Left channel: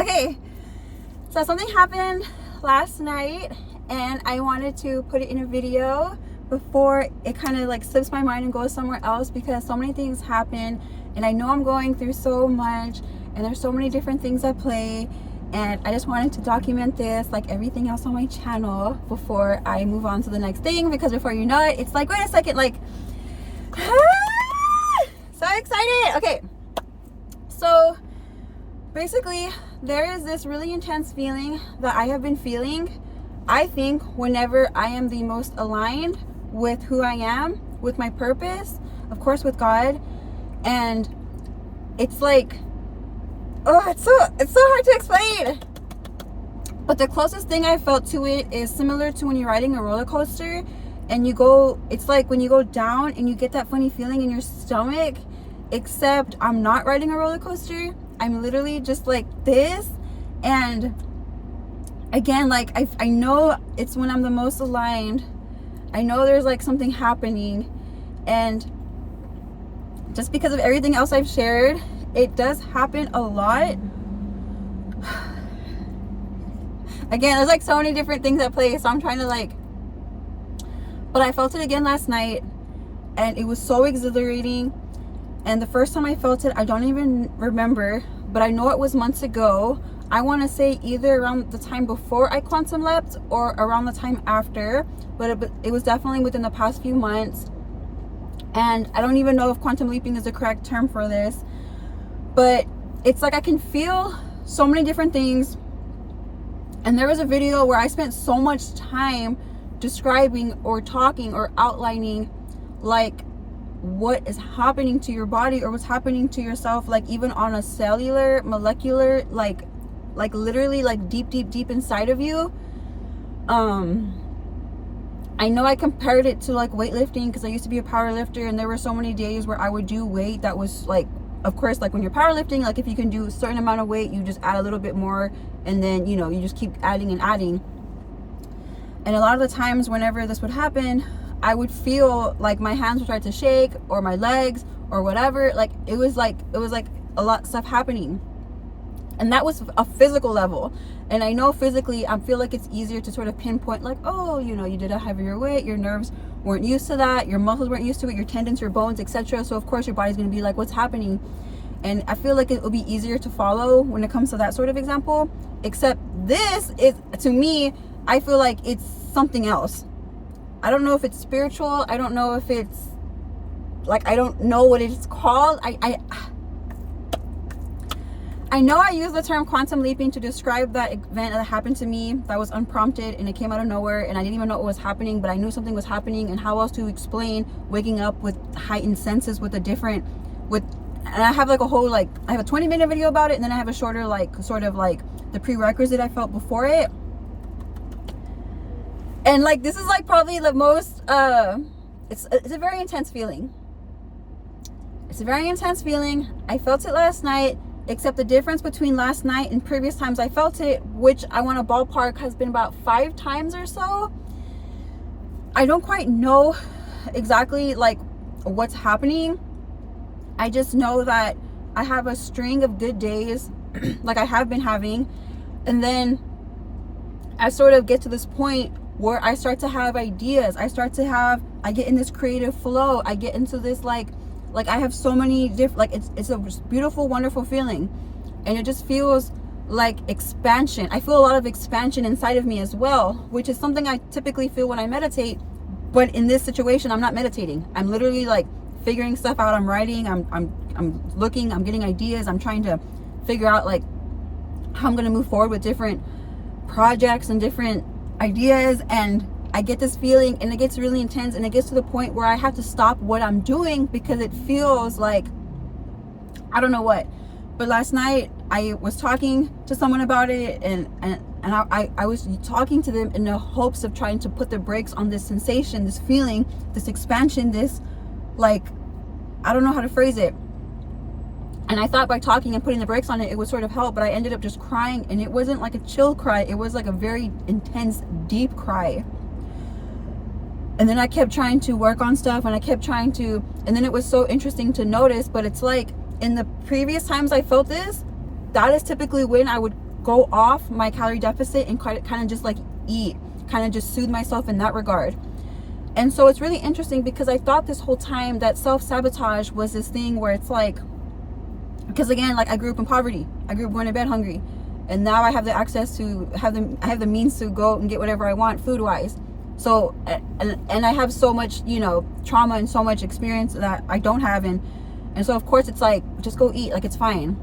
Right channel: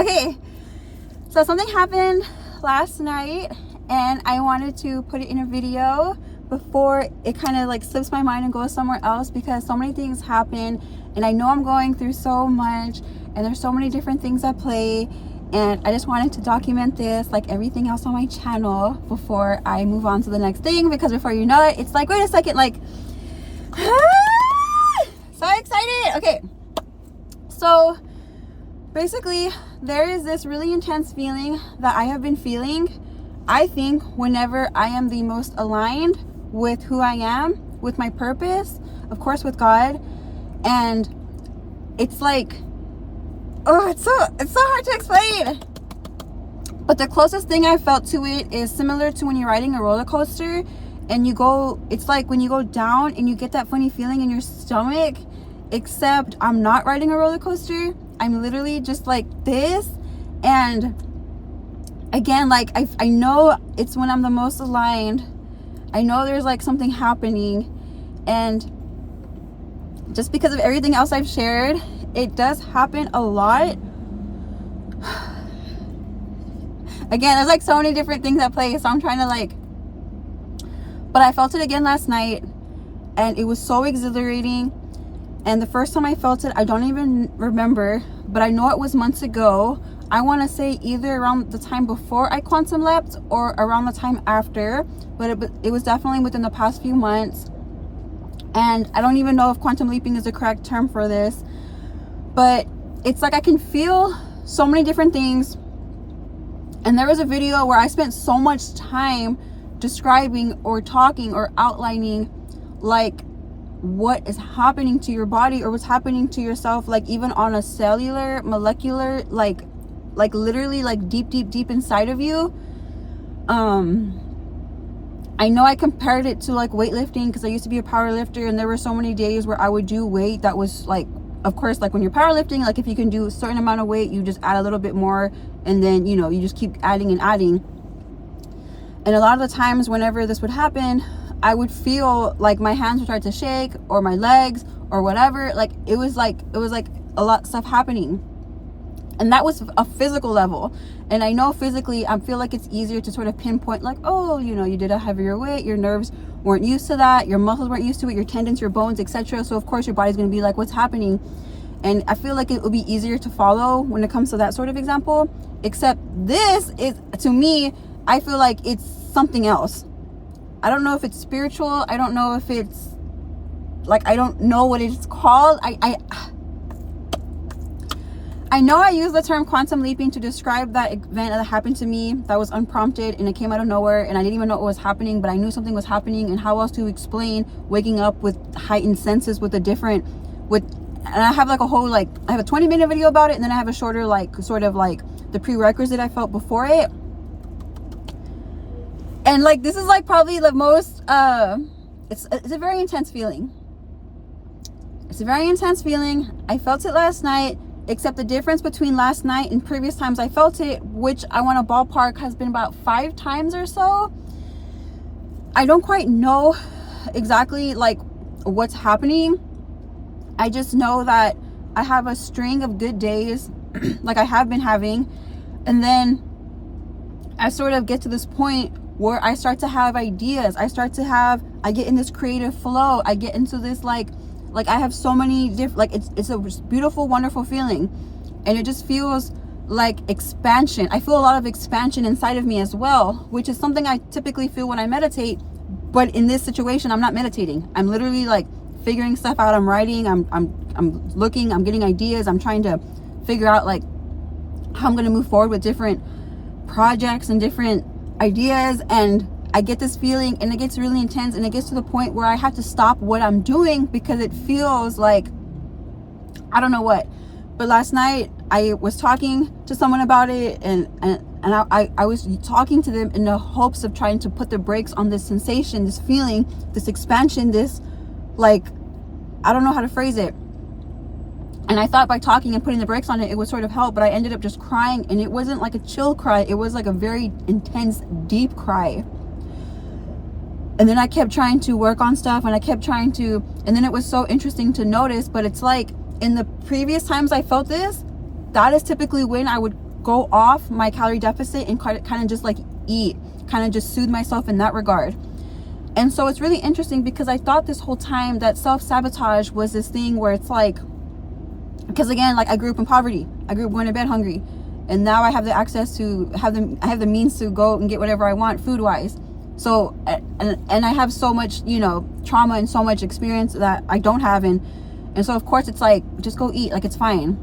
Okay, so something happened last night and I wanted to put it in a video before it kind of like slips my mind and goes somewhere else, because so many things happen and I know I'm going through so much and there's so many different things at play, and I just wanted to document this like everything else on my channel before I move on to the next thing, because before you know it, it's like, wait a second, like so excited. Okay, so basically there is this really intense feeling that I have been feeling, I think, whenever I am the most aligned with who I am, with my purpose, of course with God. And it's like, oh, it's so hard to explain, but the closest thing I felt to it is similar to when you're riding a roller coaster and you go, it's like when you go down and you get that funny feeling in your stomach, except I'm not riding a roller coaster. I'm literally just like this. And again, like I know it's when I'm the most aligned. I know there's like something happening, and just because of everything else I've shared, it does happen a lot. Again, there's like so many different things at play, so I'm trying to like, but I felt it again last night and it was so exhilarating. And the first time I felt it, I don't even remember, but I know it was months ago. I want to say either around the time before I quantum leapt or around the time after, but it was definitely within the past few months. And I don't even know if quantum leaping is the correct term for this, but it's like I can feel so many different things. And there was a video where I spent so much time describing or talking or outlining like what is happening to your body or what's happening to yourself, like even on a cellular, molecular, like literally like deep inside of you. I know I compared it to like weightlifting because I used to be a power lifter, and there were so many days where I would do weight that was like, of course, like when you're powerlifting, like if you can do a certain amount of weight, you just add a little bit more, and then, you know, you just keep adding and adding. And a lot of the times whenever this would happen, I would feel like my hands would start to shake, or my legs, or whatever. Like it was like a lot of stuff happening, and that was a physical level. And I know physically I feel like it's easier to sort of pinpoint, like, oh, you know, you did a heavier weight, your nerves weren't used to that, your muscles weren't used to it, your tendons, your bones, etc. So of course your body's going to be like, what's happening? And I feel like it will be easier to follow when it comes to that sort of example. Except this is, to me, I feel like it's something else. I don't know if it's spiritual. I don't know if it's like, I don't know what it's called. I know I use the term quantum leaping to describe that event that happened to me that was unprompted and it came out of nowhere, and I didn't even know what was happening, but I knew something was happening. And how else to explain waking up with heightened senses with a different, and I have like a whole, like, I have a 20-minute video about it, and then I have a shorter, like, sort of like the prerequisite I felt before it. And like, this is like probably the most, it's a very intense feeling. It's a very intense feeling. I felt it last night, except the difference between last night and previous times I felt it, which I want to ballpark, has been about 5 times or so. I don't quite know exactly like what's happening. I just know that I have a string of good days like I have been having, and then I sort of get to this point where I start to have ideas. I get in this creative flow. I get into this like I have so many different, like it's a beautiful, wonderful feeling, and it just feels like expansion. I feel a lot of expansion inside of me as well, which is something I typically feel when I meditate. But in this situation, I'm not meditating. I'm literally like figuring stuff out. I'm writing. I'm looking. I'm getting ideas. I'm trying to figure out like how I'm gonna move forward with different projects and different ideas. And I get this feeling, and it gets really intense, and it gets to the point where I have to stop what I'm doing because it feels like, I don't know what. But last night I was talking to someone about it, and I was talking to them in the hopes of trying to put the brakes on this sensation, this feeling, this expansion, this, like, I don't know how to phrase it. And I thought by talking and putting the brakes on it, it would sort of help, but I ended up just crying, and it wasn't like a chill cry. It was like a very intense, deep cry. And then I kept trying to work on stuff, and I kept trying to, and then it was so interesting to notice, but it's like in the previous times I felt this, that is typically when I would go off my calorie deficit and kind of just like eat, kind of just soothe myself in that regard. And so it's really interesting because I thought this whole time that self-sabotage was this thing where it's like, because again, like I grew up in poverty, I grew up going to bed hungry, and now I have the access to I have the means to go and get whatever I want food wise. So and I have so much, you know, trauma and so much experience that I don't have, and so of course it's like, just go eat, like it's fine.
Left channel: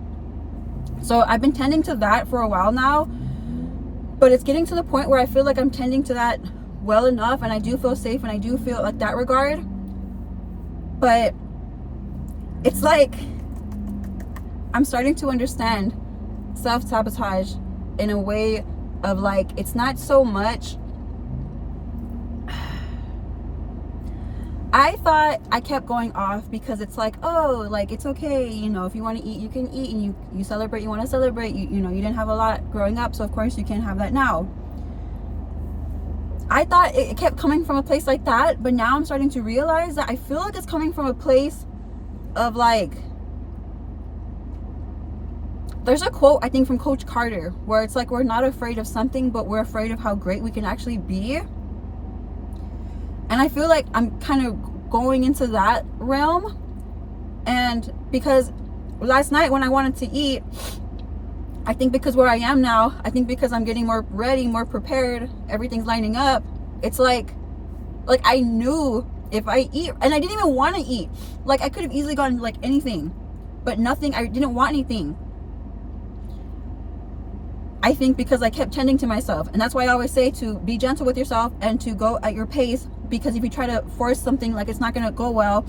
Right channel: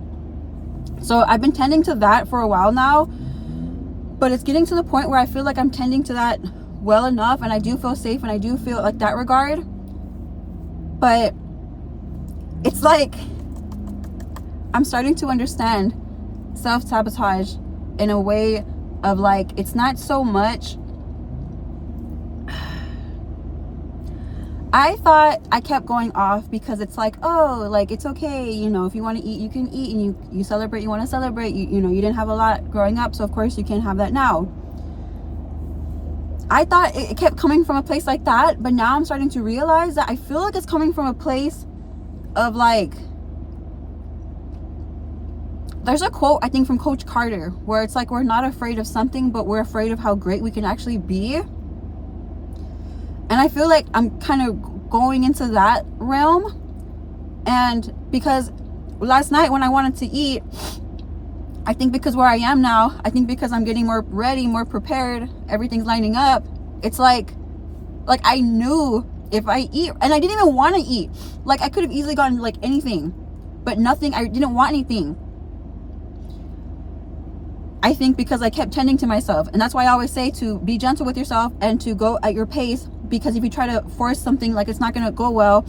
So I've been tending to that for a while now, but it's getting to the point where I feel like I'm tending to that well enough, and I do feel safe, and I do feel like that regard. But it's like I'm starting to understand self-sabotage in a way of like, it's not so much, I thought I kept going off because it's like, oh, like it's okay, you know, if you want to eat, you can eat, and you celebrate, you want to celebrate, you know, you didn't have a lot growing up, so of course you can have that now. I thought it kept coming from a place like that, but now I'm starting to realize that I feel like it's coming from a place of like, there's a quote I think from Coach Carter where it's like, we're not afraid of something, but we're afraid of how great we can actually be. And I feel like I'm kind of going into that realm. And because last night when I wanted to eat, I think because where I am now, I think because I'm getting more ready, more prepared, everything's lining up, it's like I knew if I eat, and I didn't even want to eat, like I could have easily gotten like anything, but nothing, I didn't want anything. I think because I kept tending to myself, and that's why I always say to be gentle with yourself and to go at your pace, because if you try to force something, like it's not going to go well.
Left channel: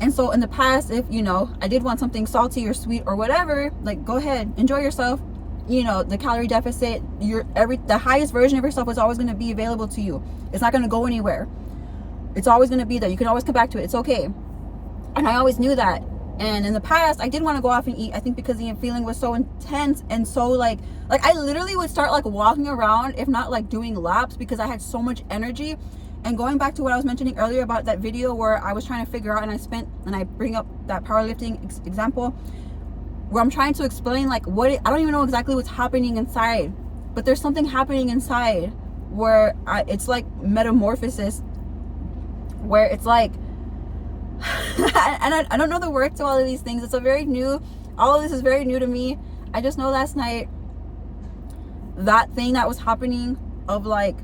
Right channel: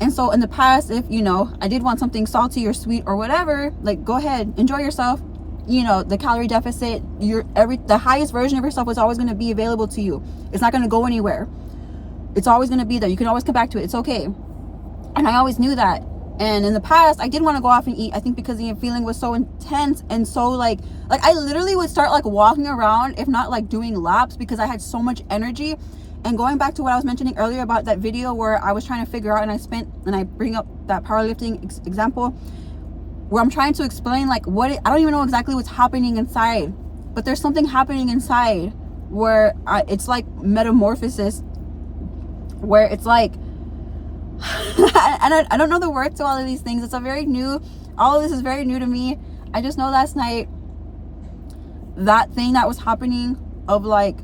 And so in the past, if you know, I did want something salty or sweet or whatever, like go ahead, enjoy yourself. You know, the calorie deficit, the highest version of yourself was always going to be available to you. It's not going to go anywhere. It's always going to be there. You can always come back to it. It's okay. And I always knew that. And in the past, I did want to go off and eat, I think because the feeling was so intense, and so like I literally would start like walking around, if not like doing laps, because I had so much energy. And going back to what I was mentioning earlier about that video where I was trying to figure out, and I bring up that powerlifting example where I'm trying to explain like I don't even know exactly what's happening inside, but there's something happening inside where it's like metamorphosis, where it's like and I don't know the word to all of these things. All of this is very new to me. I just know last night that thing that was happening of like,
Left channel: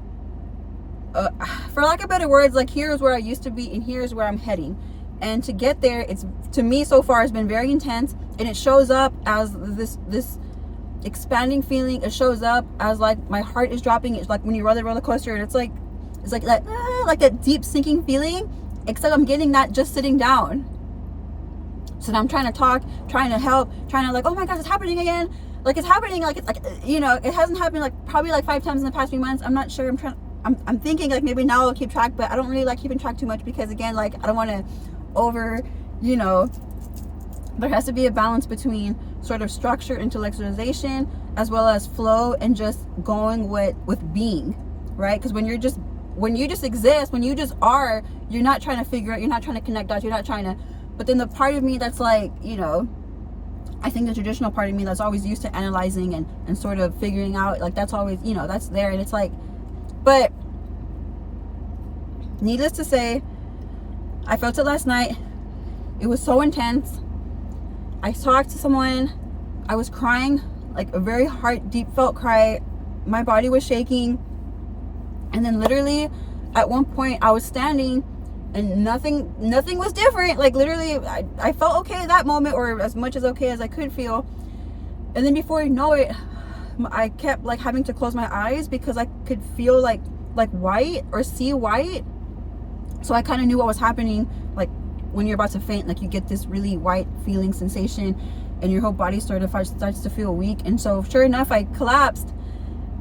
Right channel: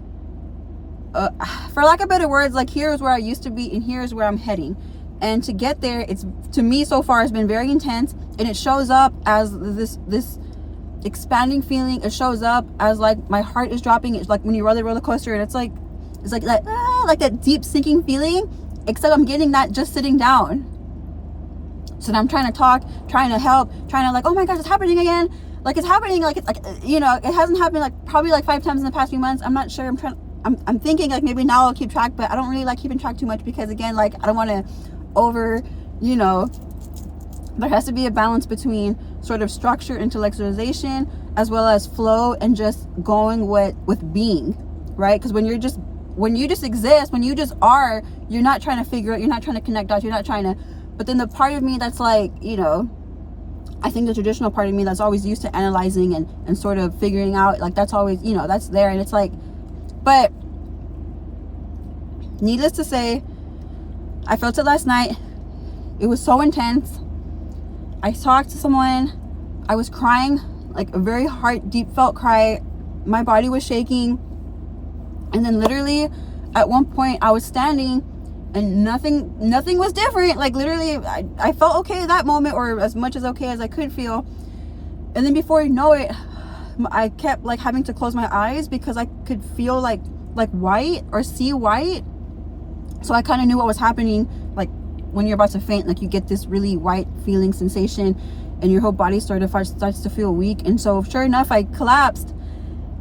for lack of better words, like here's where I used to be and here's where I'm heading. And to get there, it's, to me so far, has been very intense, and it shows up as this expanding feeling. It shows up as like my heart is dropping. It's like when you ride the roller coaster, and it's like that deep sinking feeling, except I'm getting that just sitting down. So now I'm trying to talk, trying to help, trying to like, oh my gosh, it's happening again. Like it's happening, like it's like, you know, it hasn't happened like probably like 5 times in the past few months. I'm not sure. I'm thinking like maybe now I'll keep track, but I don't really like keeping track too much, because again, like I don't want to you know, there has to be a balance between sort of structure, intellectualization, as well as flow, and just going with being, right? Because when you just exist, when you just are, you're not trying to figure it, you're not trying to connect dots, you're not trying to. But then the part of me that's like, you know, I think the traditional part of me that's always used to analyzing and sort of figuring out, like that's always, you know, that's there. And it's like, but needless to say, I felt it last night. It was so intense. I talked to someone. I was crying, like a very deep felt cry. My body was shaking. And then literally at one point I was standing and nothing was different. Like literally I felt okay that moment, or as much as okay as I could feel. And then before you know it, I kept like having to close my eyes because I could feel like white or see white. So I kind of knew what was happening. Like when you're about to faint, like you get this really white feeling sensation, and your whole body sort of starts to feel weak. And so sure enough, I collapsed,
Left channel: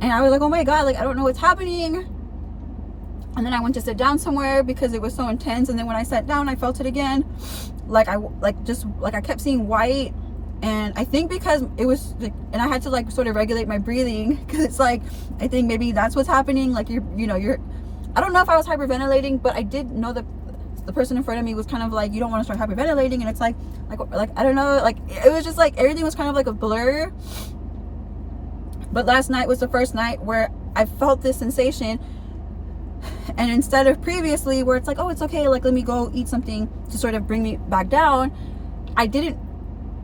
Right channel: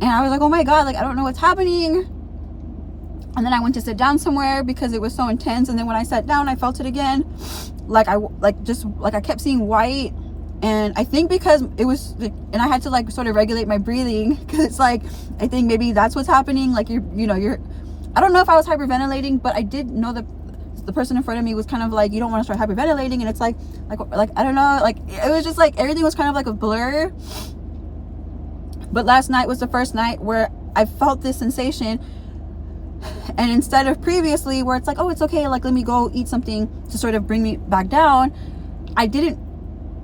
and I was like, oh my God, like I don't know what's happening. And then I went to sit down somewhere because it was so intense. And then when I sat down, I felt it again. Like I kept seeing white. And I think because it was, and I had to like sort of regulate my breathing, because it's like, I think maybe that's what's happening. Like you're, I don't know if I was hyperventilating, but I did know that the person in front of me was kind of like, you don't want to start hyperventilating. And it's like I don't know, like it was just like everything was kind of like a blur. But last night was the first night where I felt this sensation. And instead of previously where it's like, oh, it's okay, like let me go eat something to sort of bring me back down, I didn't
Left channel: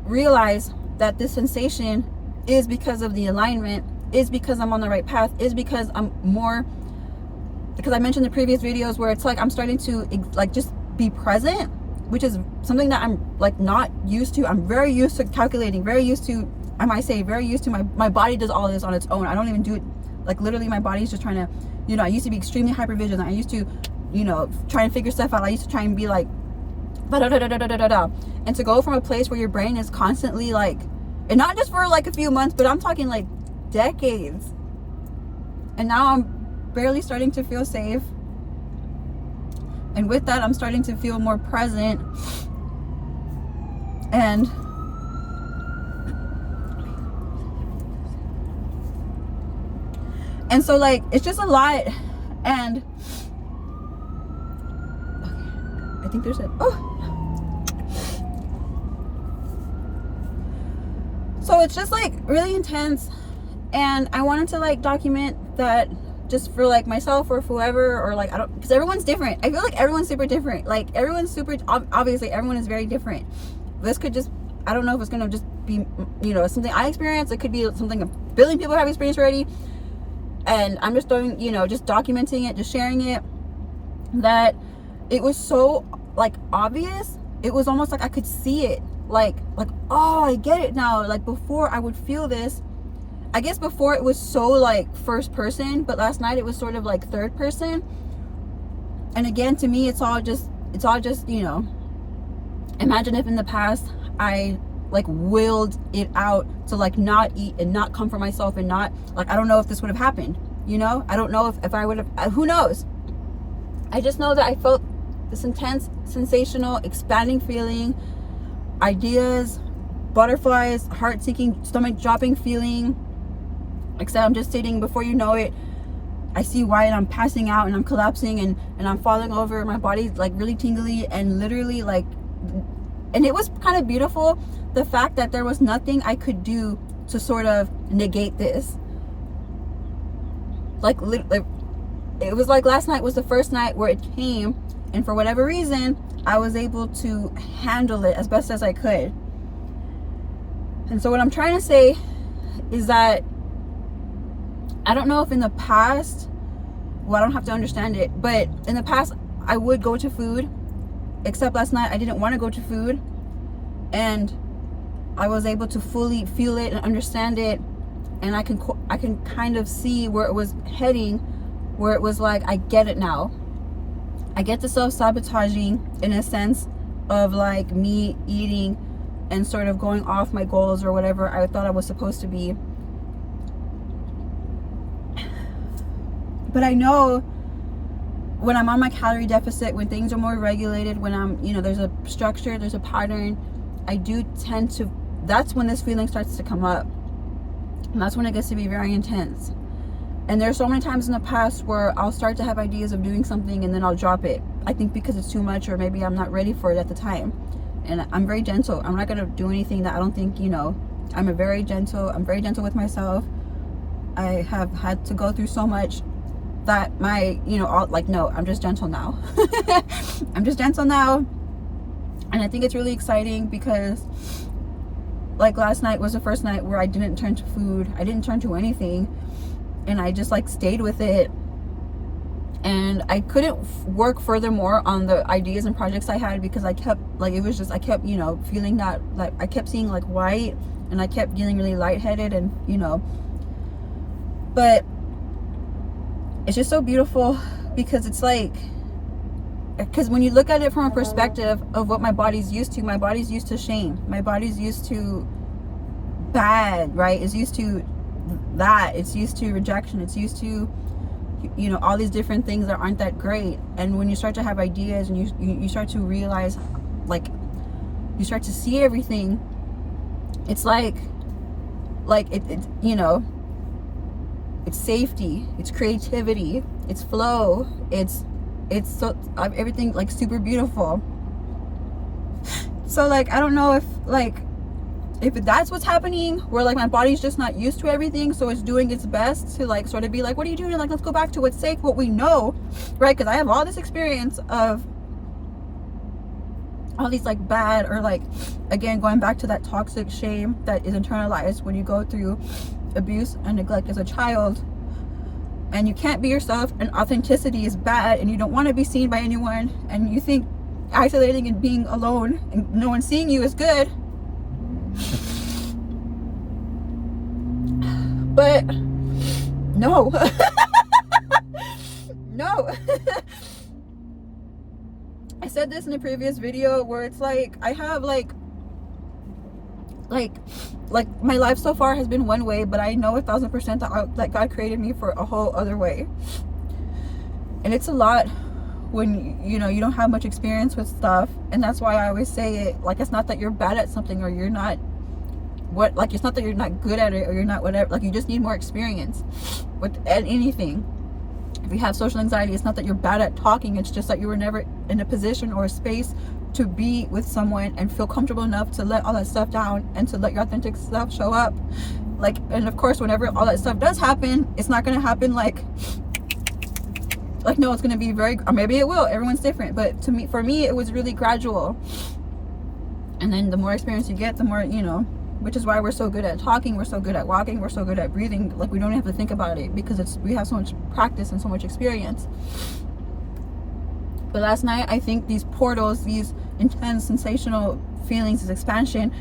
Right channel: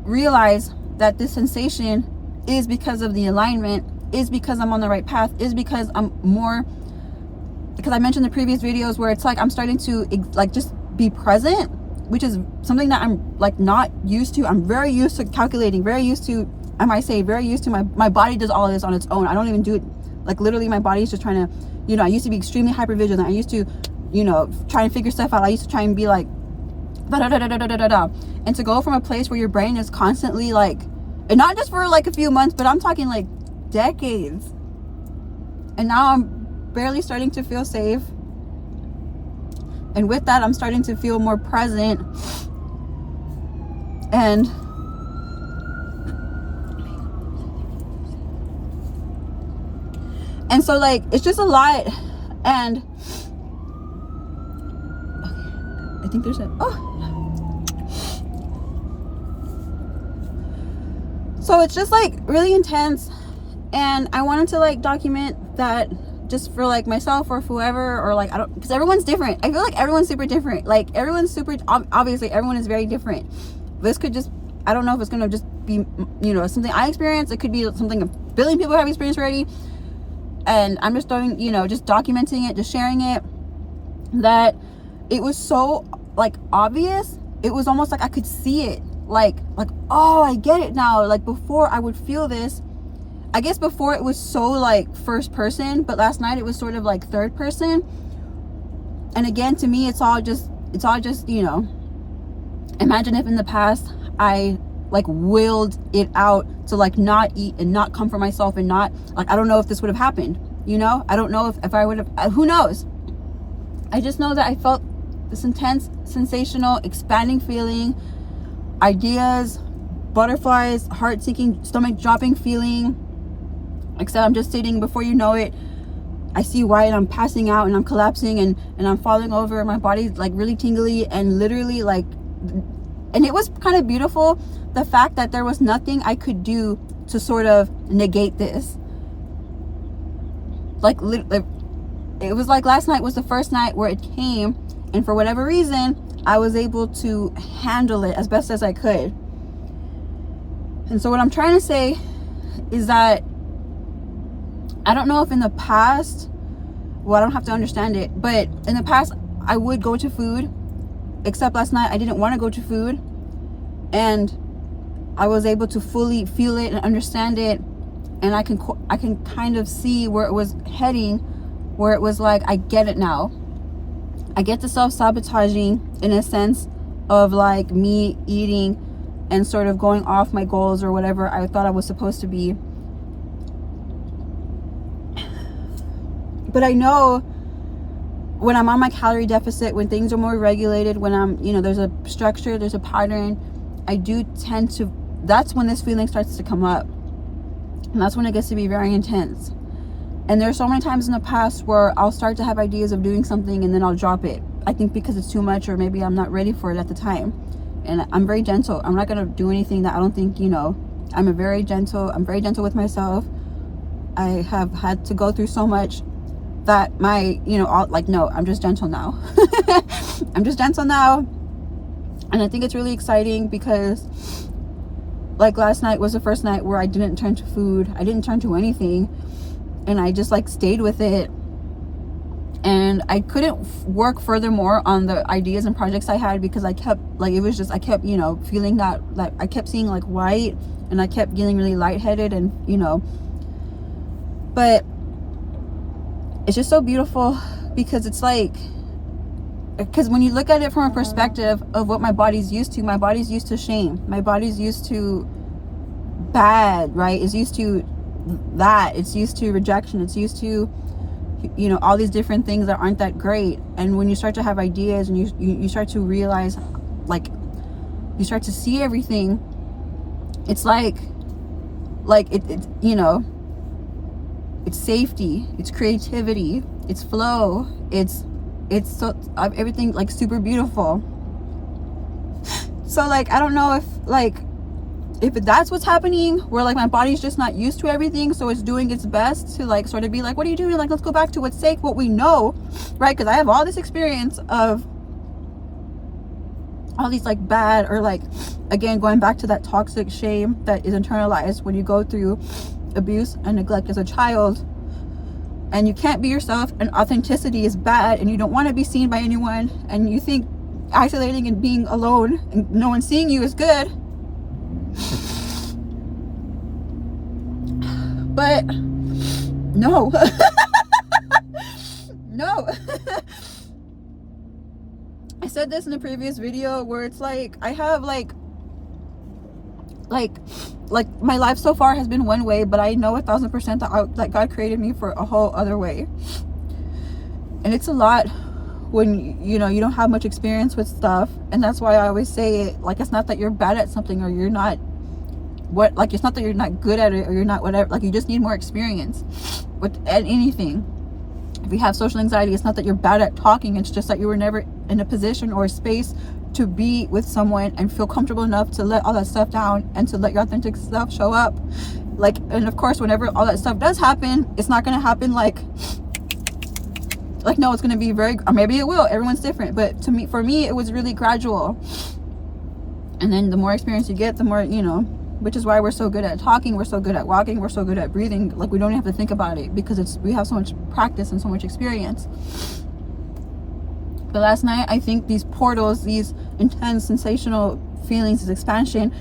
realize that this sensation is because of the alignment, is because I'm on the right path, is because I'm more, because I mentioned the previous videos where it's like I'm starting to like just be present, which is something that I'm like not used to. I'm very used to calculating, very used to, I might say very used to, my body does all of this on its own. I don't even do it, like literally my body's just trying to, you know, I used to be extremely hyper vigilant. I used to, you know, try and figure stuff out. I used to try and be like da da da da da da da da. And to go from a place where your brain is constantly like, and not just for like a few months, but I'm talking like decades, and now I'm barely starting to feel safe, and with that I'm starting to feel more present. And so like it's just a lot. And I think there's a so it's just like really intense, and I wanted to like document that just for like myself or whoever, or like I don't, because everyone's different. I feel like everyone's super different. Like everyone's super, obviously everyone is very different. This could just, I don't know if it's gonna just be, you know, something I experienced. It could be something a billion people have experienced already, and I'm just doing, you know, just documenting it, just sharing it. That it was so like obvious. It was almost like I could see it. Like oh, I get it now. Like before I would feel this, I guess before it was so like first person, but last night it was sort of like third person. And again, to me, it's all just, you know, imagine if in the past I like willed it out to like not eat and not comfort myself and not like, I don't know if this would have happened, you know. I don't know if I would have, who knows. I just know that I felt this intense, sensational, expanding feeling, ideas, butterflies, heart sinking, stomach dropping feeling. Except I'm just sitting, before you know it, I see white, I'm passing out and I'm collapsing and I'm falling over. My body's like really tingly and literally like, and it was kind of beautiful, the fact that there was nothing I could do to sort of negate this. Like it was like last night was the first night where it came, and for whatever reason I was able to handle it as best as I could. And so what I'm trying to say is that I don't know if in the past, well, I don't have to understand it, but in the past I would go to food, except last night I didn't want to go to food, and I was able to fully feel it and understand it, and I can kind of see where it was heading, where it was like, I get it now. I get the self-sabotaging in a sense of like me eating and sort of going off my goals or whatever I thought I was supposed to be. But I know when I'm on my calorie deficit, when things are more regulated, when I'm, you know, there's a structure, there's a pattern, I do tend to, that's when this feeling starts to come up. And that's when it gets to be very intense. And there's so many times in the past where I'll start to have ideas of doing something and then I'll drop it. I think because it's too much, or maybe I'm not ready for it at the time. And I'm very gentle. I'm not gonna do anything that I don't think, you know, I'm very gentle with myself. I have had to go through so much that my, you know, all, like, no, I'm just gentle now. I'm just gentle now. And I think it's really exciting because like last night was the first night where I didn't turn to food. I didn't turn to anything. And I just like stayed with it. And I couldn't work furthermore on the ideas and projects I had because I kept like, it was just, I kept, you know, feeling that, like I kept seeing like white, and I kept getting really lightheaded, and you know, but it's just so beautiful because it's like, because when you look at it from a perspective of what my body's used to, my body's used to shame, my body's used to bad, right? It's used to that, it's used to rejection, it's used to, you know, all these different things that aren't that great. And when you start to have ideas and you start to realize, like you start to see everything, it's like it you know, it's safety, it's creativity, it's flow, it's so everything like super beautiful. So like I don't know if like if that's what's happening, where like my body's just not used to everything, so it's doing its best to like sort of be like, what are you doing? Like, let's go back to what's safe, what we know, right? Because I have all this experience of all these like bad, or like, again, going back to that toxic shame that is internalized when you go through abuse and neglect as a child, and you can't be yourself, and authenticity is bad, and you don't want to be seen by anyone, and you think isolating and being alone and no one seeing you is good. But no. No. I said this in a previous video where it's like, I have like my life so far has been one way, but I know 1,000% that God created me for a whole other way. And it's a lot when you know you don't have much experience with stuff, and that's why I always say it, like, it's not that you're bad at something, or you're not like, it's not that you're not good at it, or you're not whatever, like, you just need more experience with anything. If you have social anxiety, it's not that you're bad at talking, it's just that you were never in a position or a space to be with someone and feel comfortable enough to let all that stuff down and to let your authentic self show up. Like, and of course, whenever all that stuff does happen, it's not going to happen like no, it's going to be very, or maybe it will, everyone's different, but for me it was really gradual. And then the more experience you get, the more, you know, which is why we're so good at talking, we're so good at walking, we're so good at breathing. Like, we don't have to think about it because we have so much practice and so much experience. But last night, I think these portals, these intense sensational feelings, this expansion,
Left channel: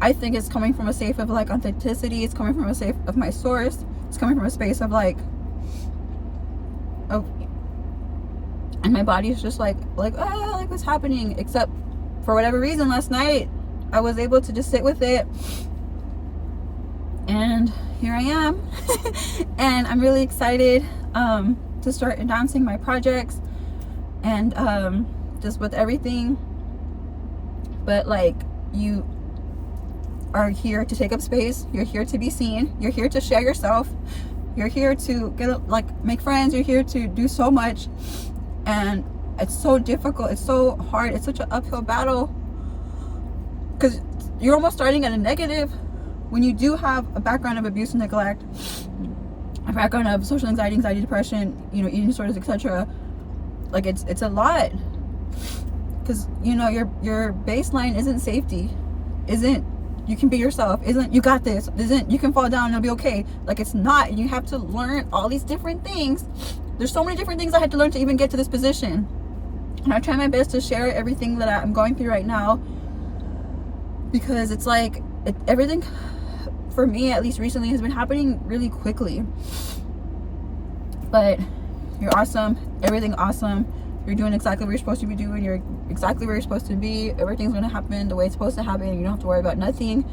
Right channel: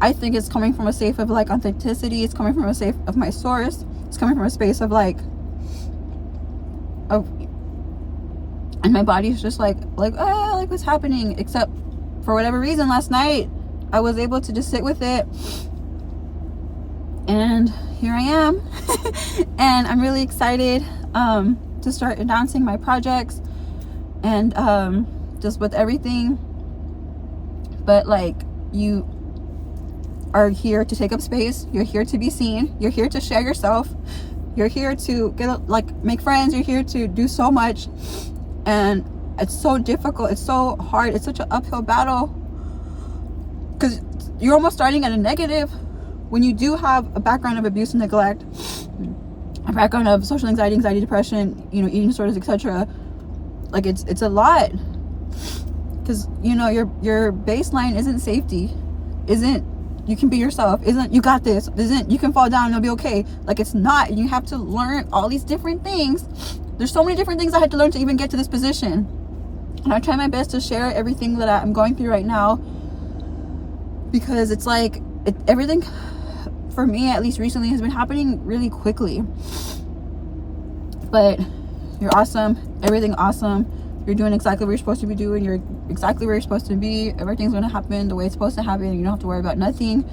I think it's coming from a safe of like authenticity. It's coming from a safe of my source. It's coming from a space of like, and my body's just like what's happening? Except for whatever reason, last night I was able to just sit with it, and here I am. And I'm really excited to start announcing my projects and just with everything. But like, you are here to take up space, you're here to be seen, you're here to share yourself, you're here to make friends, you're here to do so much. And it's so difficult, it's so hard, it's such an uphill battle, because you're almost starting at a negative when you do have a background of abuse and neglect, a background of social anxiety, depression, you know, eating disorders, etc. Like, it's a lot, because you know your baseline isn't safety, isn't you can be yourself, isn't you got this, isn't you can fall down and it'll be okay. Like, it's not. You have to learn all these different things. There's so many different things I had to learn to even get to this position, and I try my best to share everything that I'm going through right now, because it's like everything for me, at least recently, has been happening really quickly. But you're awesome, everything awesome, you're doing exactly what you're supposed to be doing, you're exactly where you're supposed to be, everything's going to happen the way it's supposed to happen, you don't have to worry about nothing.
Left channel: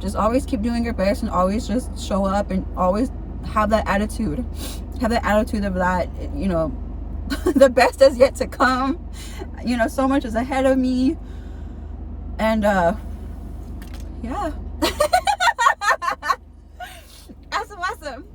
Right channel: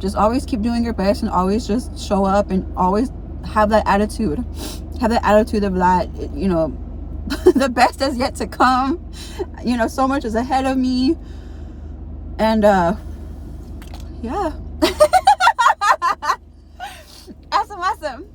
Just always keep doing your best, and always just show up, and always have that attitude of that, you know, the best is yet to come, you know, so much is ahead of me. And yeah. Awesome.